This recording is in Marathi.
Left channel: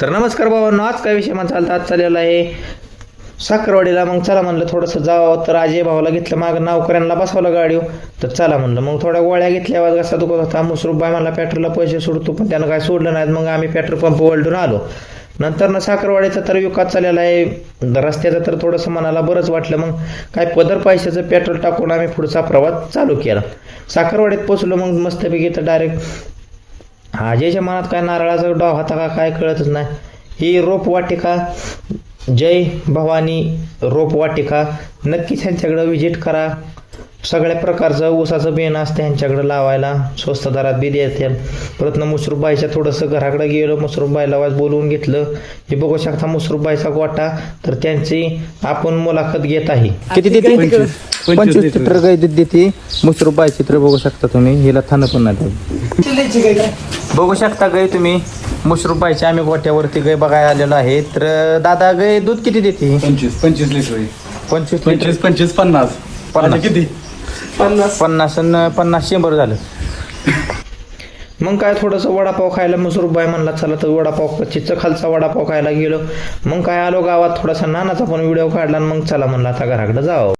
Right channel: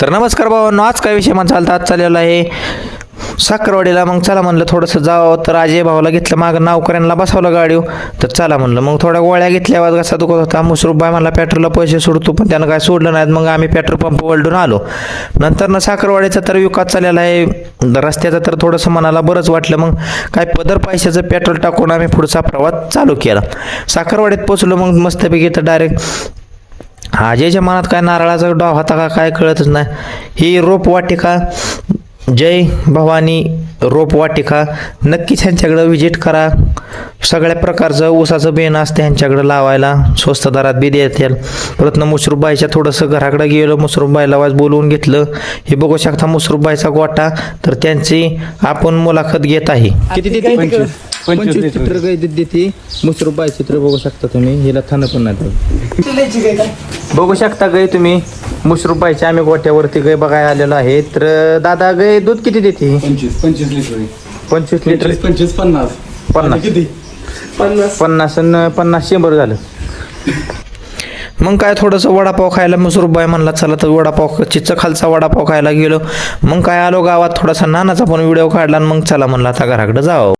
तर नमस्कार भावांनो, आज काय विषय माझा चालता आज चाललेला आहे साखरवाडीला. मग चला म्हणलं थोडंसं जावं, तर अजय भावाला घेतलं, मागं नौकऱ्यांना बसवलं गाडीवर. तर चला म्हणलं मग थोड्या गोळ्या घेतल्यावर कसा दुखत होता. मुसरूफबाई मला पेट्रोलला पैसे सोडतो, पण त्यानं काय सोडलं नाहीत. मग आम्ही पेट्रोल पंप ओलडून आलो. नंतर ना साखरवाडीचा तर विकास चाललेला आहे, रस्त्याचा तर थोडंसं मनाला बरंच वाटलं. मग काय पदर पैशाचं पेट्रोल टाकून आम्ही पुढचा प्रवास चालू केला. साखरवाडीत पोचलो. मग मस्तपैकी तर डायरेक्ट अजयच्या मनात काय नारळाचा डाव होता का काय कळतच नाही. ही रोपवाटिका जय भवानी रोपवाटिका, नक्कीच ह्यांच्याकडं व्हिजिट करा. सगळ्या प्रकारचं ऊसाचं बेन असतं ह्यांच्याकडं लावायला, स्वस्त दरात बी देतील. परत ना मुसरूफबाईच्या थोडंसं घराकडे गेलो, मुसरूफबाईला वाज बोलवून घेतलं. हे बघू शकता मुसरूफबाईचा गोटा, तर त्यांची आपण मुलाखत घेत आहे. किती देते? 25 लिटर गाय देते मुसरूफबाई. चित्र बघू शकता तुम्ही, हिला थांबतून नाही बघू शकता गाय तुम्ही. मुसरूफबाईच्या आम्ही गोट्यावरती गाय बघायला आलेलो आहे. तर दादा गाय दूध किती देते? 25 लिटर. 25 लिटर. 25 50 किती 50 100 झालं. मग काय थोडंसं वडापाव खायला मुसरूफबाई म्हणला चला, तर वडापाव चिच्च खालचा वडापाव खायला गेलो. मग काय आलो गावात, थोडासा नानाचा पण व्हिडिओ काढला. मग चला म्हणला आता घराकडे जावं.